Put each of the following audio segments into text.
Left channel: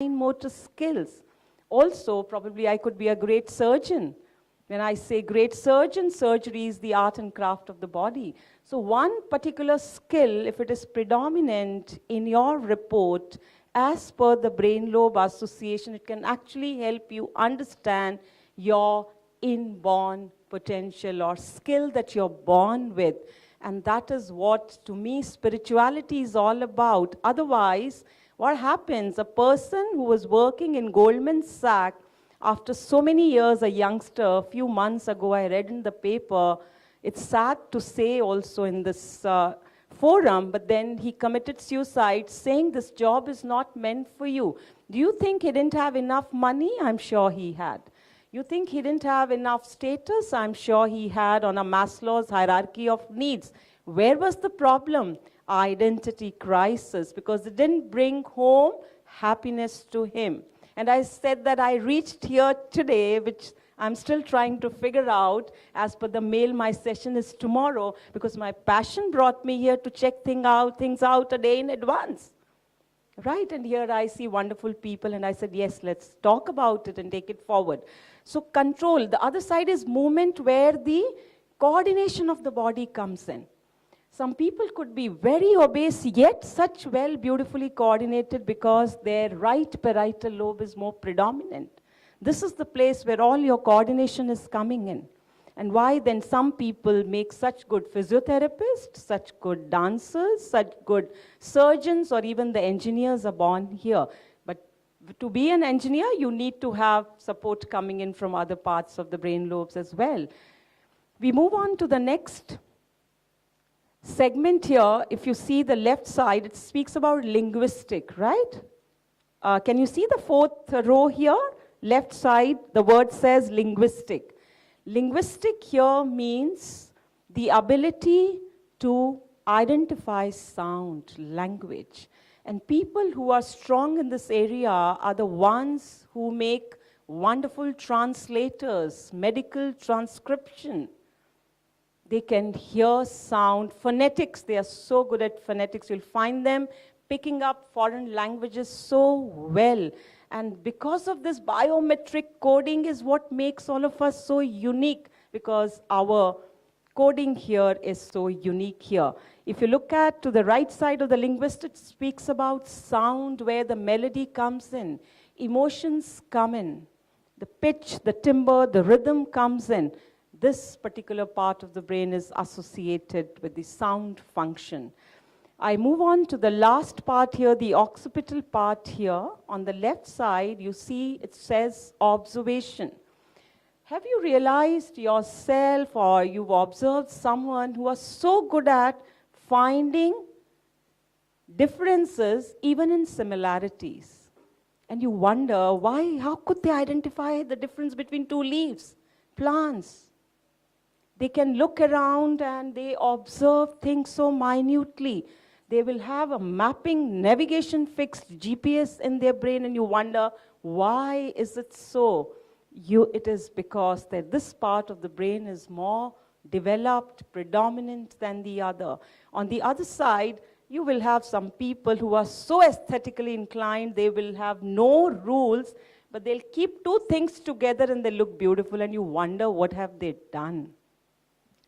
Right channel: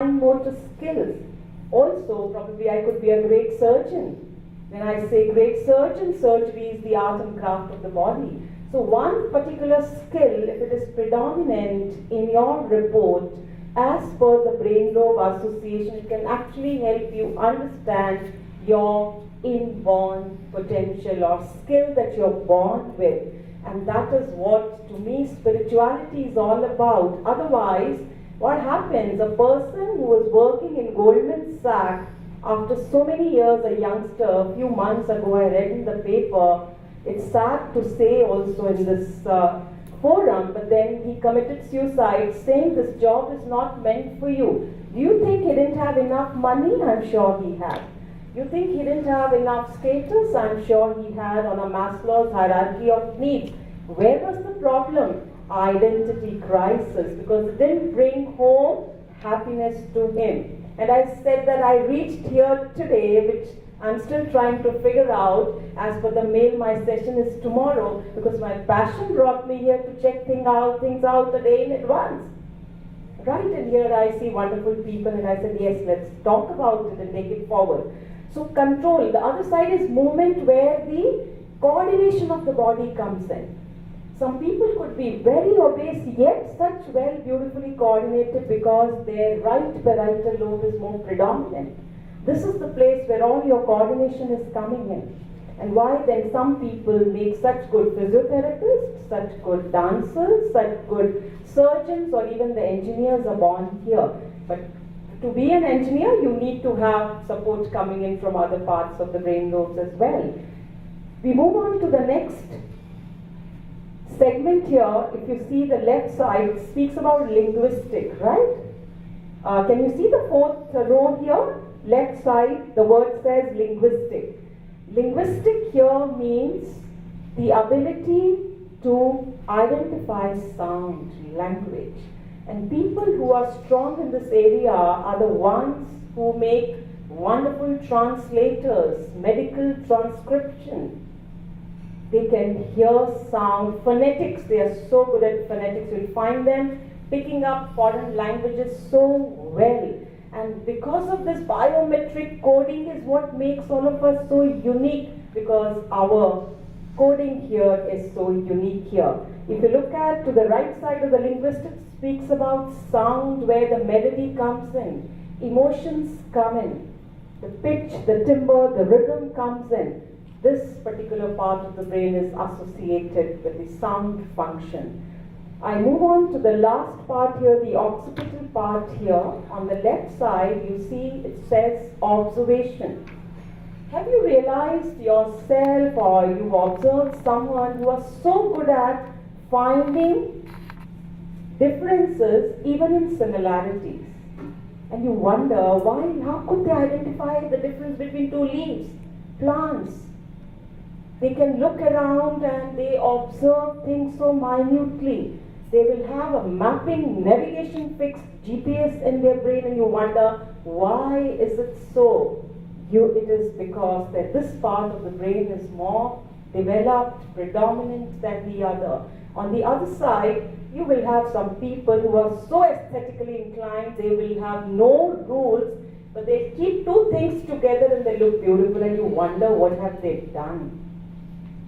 fine motor skills. Also, probably I could be a great surgeon. When I say great surgeon, surgery is the art and craft of the body. So one particular skill, if it is predominant in your report, as per the Brain Lobe Association, it can actually help you understand your inborn potential or skill that you're born with. And that is what, to me, spirituality is all about. Otherwise, what happens? A person who was working in Goldman Sachs, after so many years, a youngster, a few months ago, I read in the paper, it's sad to say also in this forum, but then he committed suicide saying this job is not meant for you. Do you think he didn't have enough money? I'm sure he had. You think he didn't have enough status? I'm sure he had on a Maslow's hierarchy of needs. Where was the problem? Identity crisis, because it didn't bring home happiness to him. And I said that I reached here today, which I'm still trying to figure out. As per the mail, my session is tomorrow, because my passion brought me here to check things out a day in advance. Right, and here I see wonderful people, and I said, yes, let's talk about it and take it forward. So control, the other side is movement, where the coordination of the body comes in. Some people could be very obese, yet such well, beautifully coordinated, because their right parietal lobe is more predominant. This is the place where all your coordination is coming in. And why then some people make such good physiotherapists, such good dancers, such good surgeons, or even the engineers are born here. But to be an engineer, you need to have support coming in from other parts of the brain lobes as well. We move on to the next segment here. If you see the left side, it speaks about linguistic, right? Can you see the fourth row here? Left side, the word says linguistic. Linguistic here means the ability to identify sound, language. And people who are strong in this area are the ones who make wonderful translators, medical transcription. They can hear sound, phonetics, they are so good at phonetics. You'll find them picking up foreign languages so well. And because of this, biometric coding is what makes all of us so unique, because our coding here is so unique here. If you look at to the right side of the linguistic, it speaks about sound, where the melody comes in, emotions come in, the pitch, the timbre, the rhythm comes in. This particular part of the brain is associated with the sound function. I move on to the last part here, the occipital part here. On the left side, you see it says observation. Have you realized yourself, or you've observed someone who was so good at finding differences even in similarities? And you wonder why, how could they identify the difference between two leaves, plants? They can look around and they observe things so minutely. They will have a mapping, navigation fixed GPS in their brain, and you wonder, why is it so? It is because that this part of the brain is more developed, predominant than the other. On the other side, you will have some people who are so aesthetically inclined, they will have no rules, but they'll keep two things together and they look beautiful, and you wonder what have they done.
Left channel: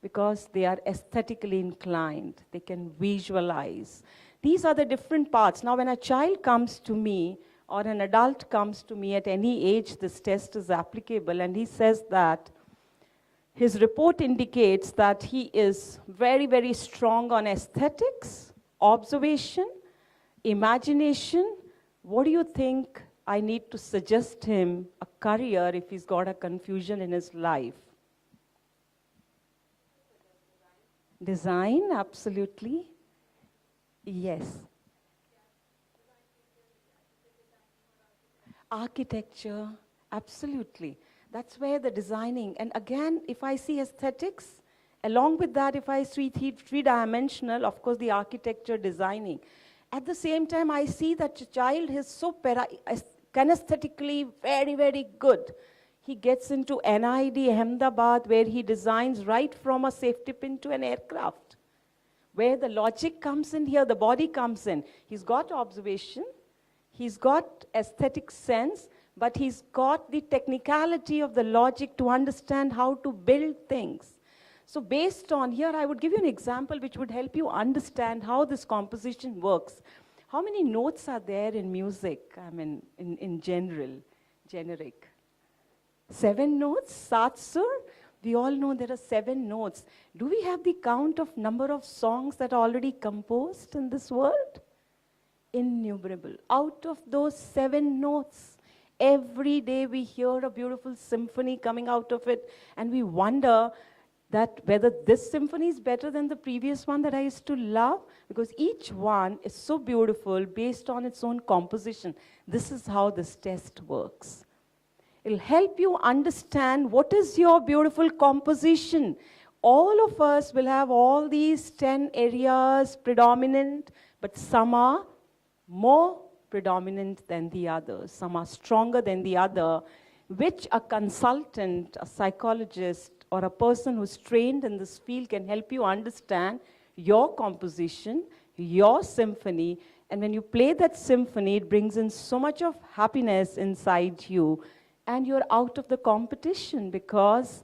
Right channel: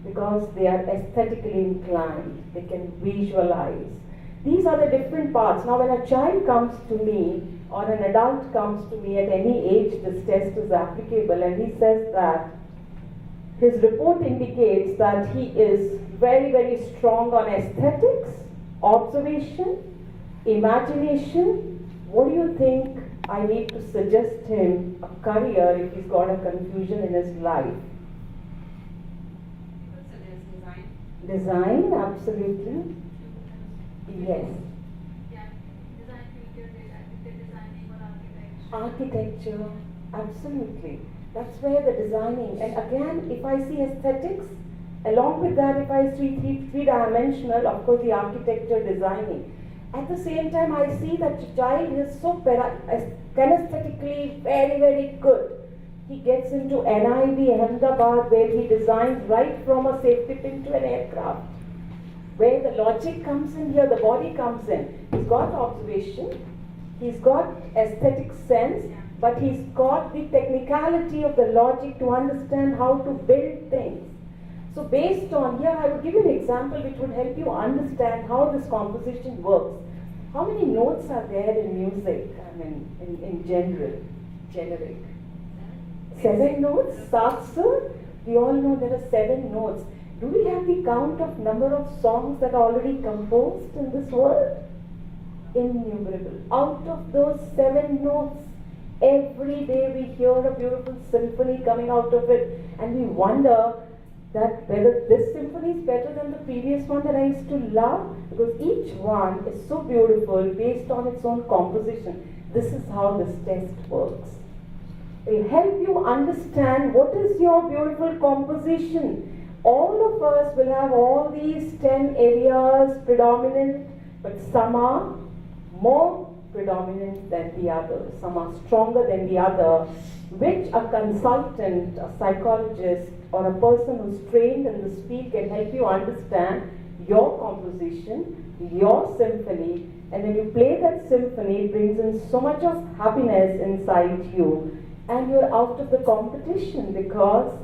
Because they are aesthetically inclined, they can visualize. These are the different parts. Now when a child comes to me, or an adult comes to me at any age, this test is applicable, and he says that his report indicates that he is very, very strong on aesthetics, observation, imagination. What do you think I need to suggest him a career if he's got a confusion in his life? Design, absolutely. Yes. Architecture, absolutely. That's where the designing, and again, if I see aesthetics, along with that, if I see three-dimensional, of course, the architecture designing. At the same time, I see that the child is so kinesthetically very, very good. He gets into NID Ahmedabad, where he designs right from a safety pin to an aircraft. Where the logic comes in here, the body comes in. He's got observation, He's got aesthetic sense, but he's got the technicality of the logic to understand how to build things. So based on here, I would give you an example which would help you understand how this composition works. How many notes are there in music, I mean, in generic? 7 notes, Sat Sur. We all know there are 7 notes. Do we have the count of number of songs that are already composed in this world? Innumerable. Out of those 7 notes, every day we hear a beautiful symphony coming out of it, and we wonder that whether this symphony is better than the previous one that I used to love, because each one is so beautiful based on its own composition. This is how this test works. It'll help you understand what is your beautiful composition. All of us will have all these 10 areas predominant, but some are more predominant than the others. Some are stronger than the other, which a consultant, a psychologist, or a person who's trained in this field can help you understand your composition, your symphony, and when you play that symphony, it brings in so much of happiness inside you, and you're out of the competition, because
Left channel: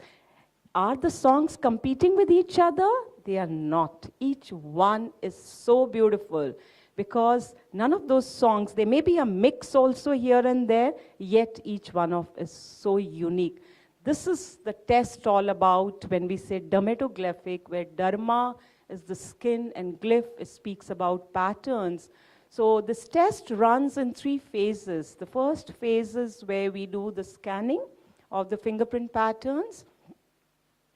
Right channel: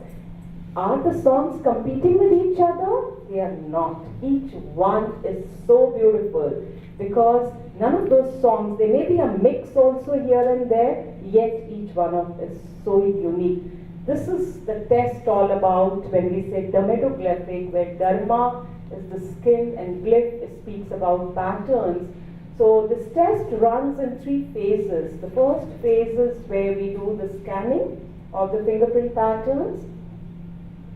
are the songs competing with each other? They are not. Each one is so beautiful, because none of those songs, there may be a mix also here and there, yet each one of is so unique. This is the test all about when we say dermatoglyphic, where derma is the skin and glyph speaks about patterns. So this test runs in 3 phases. The first phase is where we do the scanning of the fingerprint patterns,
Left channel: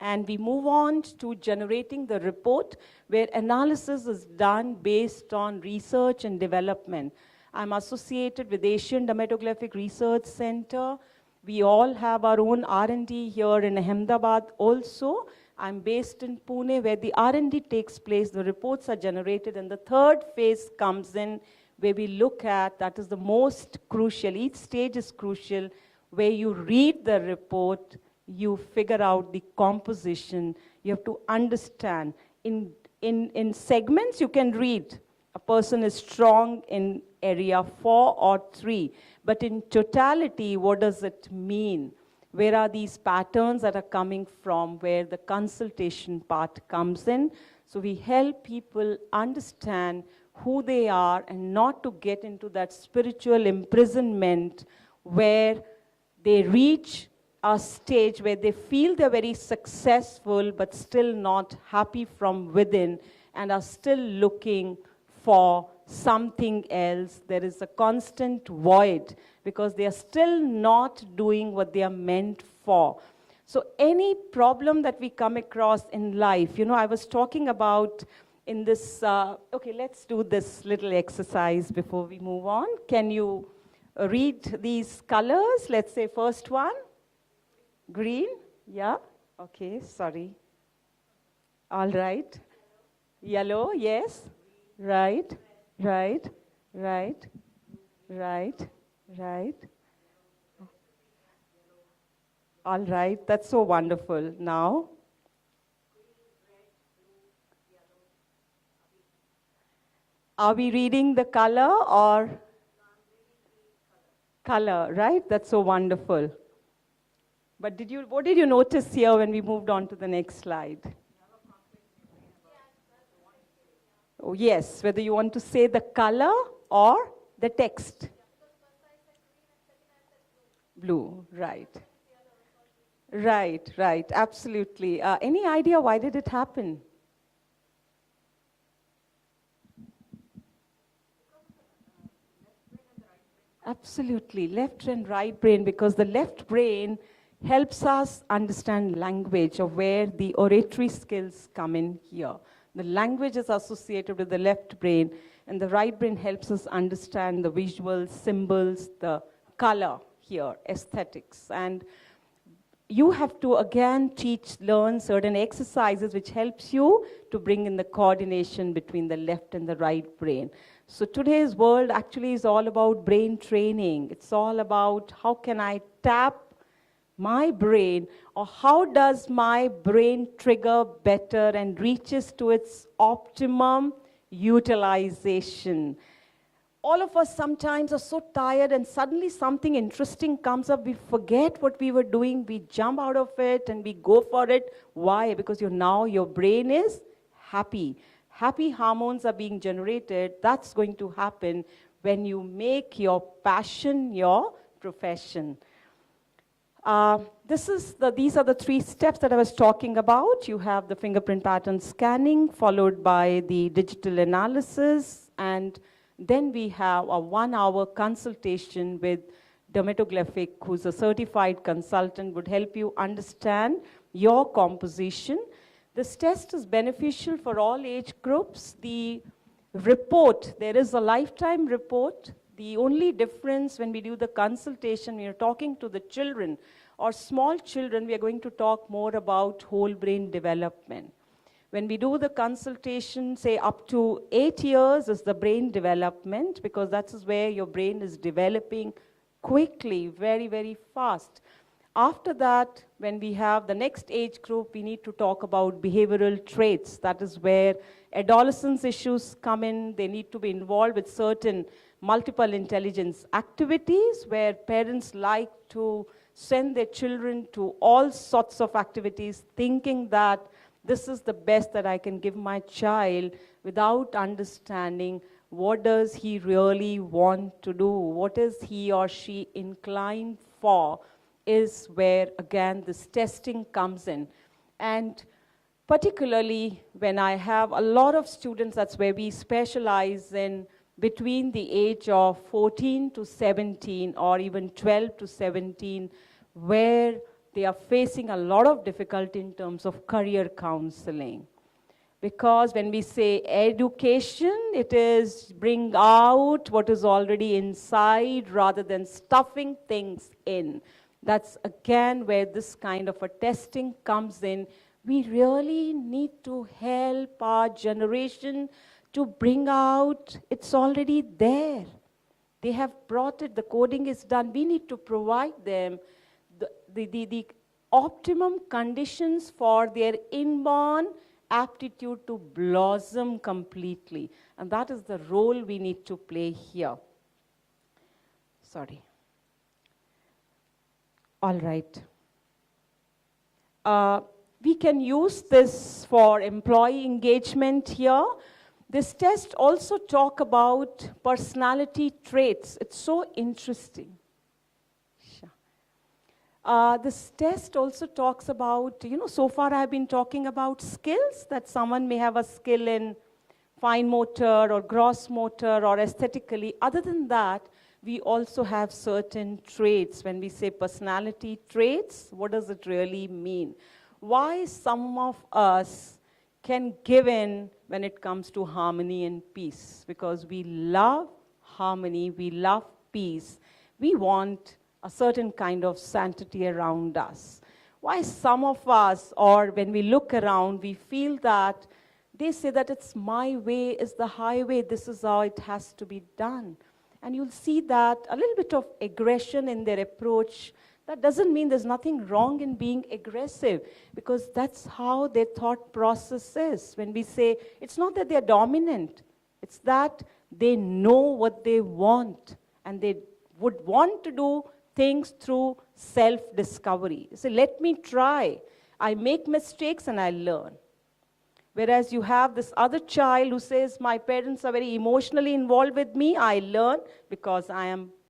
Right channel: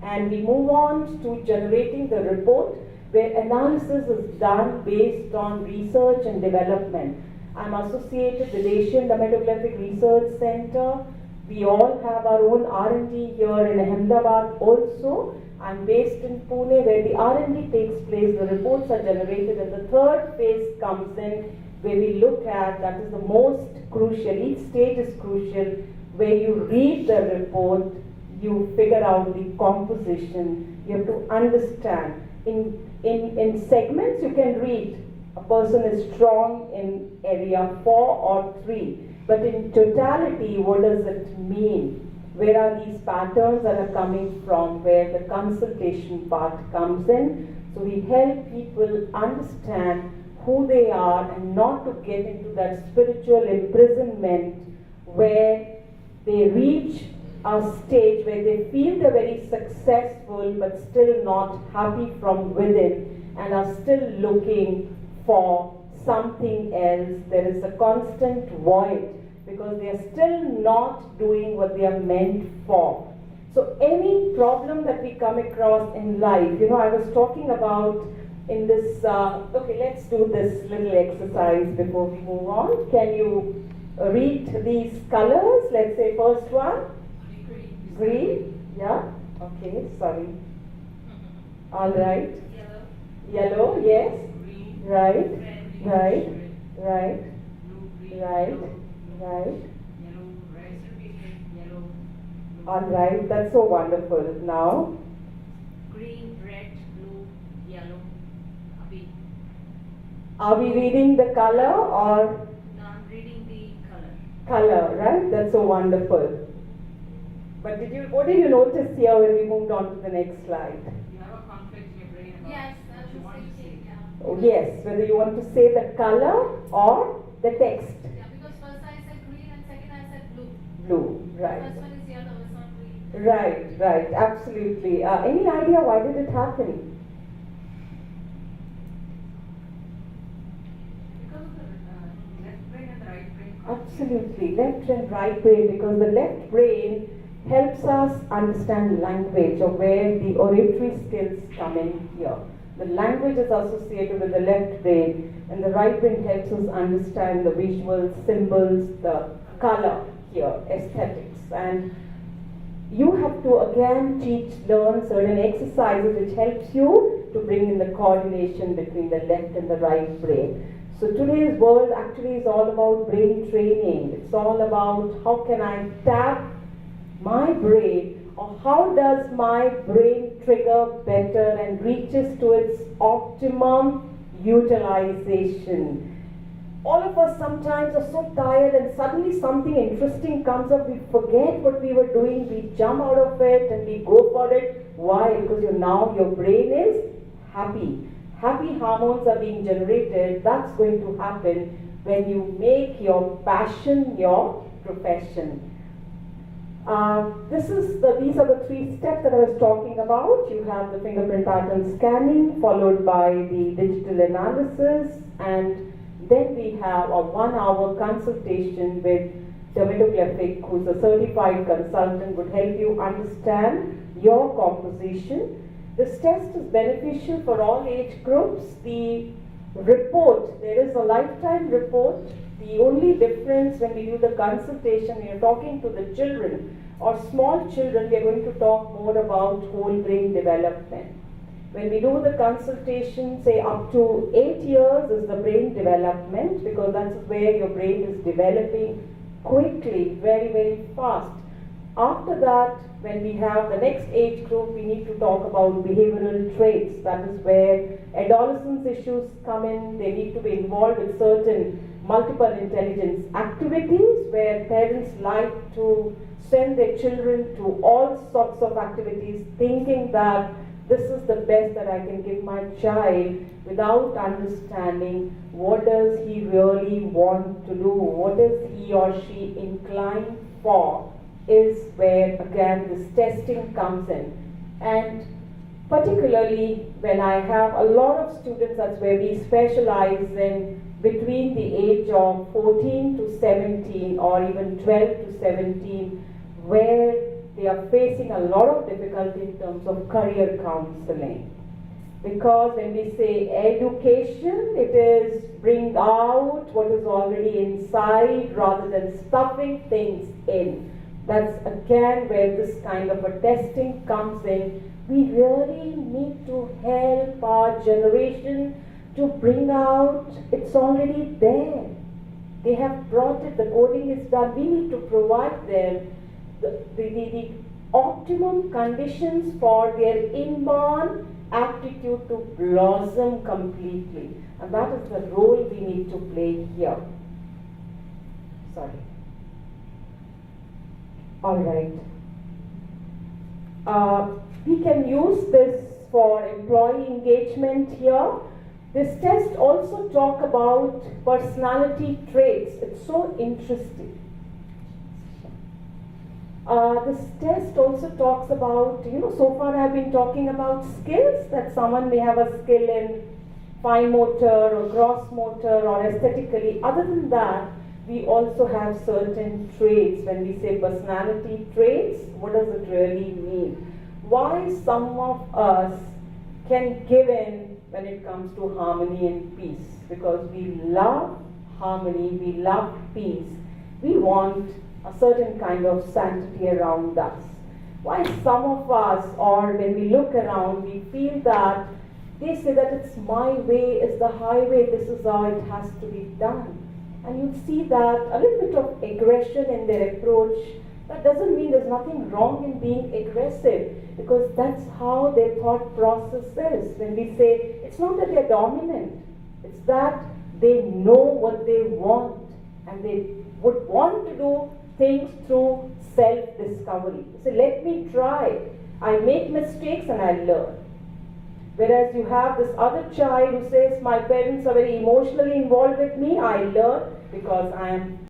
and we move on to generating the report, where analysis is done based on research and development. I'm associated with Asian Dermatoglyphic Research Center. We all have our own R&D here in Ahmedabad also. I'm based in Pune, where the R&D takes place, the reports are generated, and the third phase comes in, where we look at, that is the most crucial, each stage is crucial, where you read the report, you figure out the composition, you have to understand. In segments, you can read a person is strong in area 4 or 3, but in totality, what does it mean? Where are these patterns that are coming from, where the consultation part comes in? So we help people understand who they are and not to get into that spiritual imprisonment where they reach a stage where they feel they're very successful but still not happy from within and are still looking for something else. There is a constant void because they are still not doing what they are meant for. So any problem that we come across in life, you know, I was talking about in this, okay, let's do this little exercise before we move on. Can you read these colors? Let's say first one. Green, yeah, okay, sorry. All right. Yellow, yes. Green, right, red, right, red, right, blue, green, right, yellow, right. yellow, red, yellow, blue, All right, that's so wonderful. Now, green, red, blue, yellow, abhi. are we reading the color or No, I'm reading the color, right? That's so wonderful. But what did you notice here when we moved on to the next slide? You have a conflict in your brain about Yes, what you want to say. yeah. Oh, yes, whether you want to say the color or the text. Yeah, because first I said green and second I said blue. Blue, right. First one is yellow, it's not green. Right, right, absolutely. Any idea why did it happen? Because of the left brain and the right brain. Absolutely, left and right brain, because the left brain helps us understand language, or where the oratory skills come in here. The language is associated with the left brain, and the right brain helps us understand the visuals, symbols, the color here, aesthetics. And you have to again learn certain exercises which helps you to bring in the coordination between the left and the right brain. So today's world actually is all about brain training. It's all about how can I tap my brain, or how does my brain trigger better and reaches to its optimum utilization. all of us sometimes are so tired and suddenly something interesting comes up, we forget what we were doing, we jump out of it and we go for it. Why? Because your brain is happy. Happy hormones are being generated. That's going to happen when you make your passion your profession. These are the 3 steps that I was talking about. You have the fingerprint pattern scanning, followed by the digital analysis, and then we have a 1-hour consultation with dermatoglyphic, who's a certified consultant, would help you understand your composition. This test is beneficial for all age groups. The report, there is a lifetime report. The only difference when we do the consultation, we are talking to the children or small children, we are going to talk more about whole brain development. When we do the consultation, say up to 8 years is the brain development, because that's where your brain is developing quickly, very, very fast. After that, when we have the next age group, we need to talk about behavioral traits. That is where adolescence issues come in. They need to be involved with certain multiple intelligence activities, where parents like to send their children to all sorts of activities, thinking that this is the best that I can give my child, without understanding what does he really want to do, what is he or she inclined for, is where again this testing comes in. And particularly when I have a lot of students, that's where we specialize in between the age of 14 to 17 or even 12 to 17, where they are facing a lot of difficulty in terms of career counseling. Because when we say education, it is bring out what is already inside rather than stuffing things in. That's again where this kind of a testing comes in. We really need to help our generation to bring out, it's already there. They have brought it, the coding is done. We need to provide them the optimum conditions for their inborn aptitude to blossom completely. And that is the role we need to play here. Sorry. All right. We can use this for employee engagement here. This test also talk about personality traits. It's so interesting. This test also talks about, so far I've been talking about skills, that someone may have a skill in fine motor or gross motor or aesthetically. Other than that, we also have certain traits. When we say personality traits, what does it really mean? Why some of us can give in when it comes to harmony and peace? Because we love harmony, we love peace. We want a certain kind of sanctity around us. Why some of us, or when we look around, we feel that they say that it's my way is the highway, this is how it has to be done. And you'll see that a little bit of aggression in their approach. That doesn't mean there's nothing wrong in being aggressive, because that's how their thought process is. When we say, it's not that they're dominant, it's that they know what they want, and they would want to do things through self-discovery. So let me try. I make mistakes and I learn. Whereas you have this other child who says, my parents are very emotionally involved with me, I learn because I am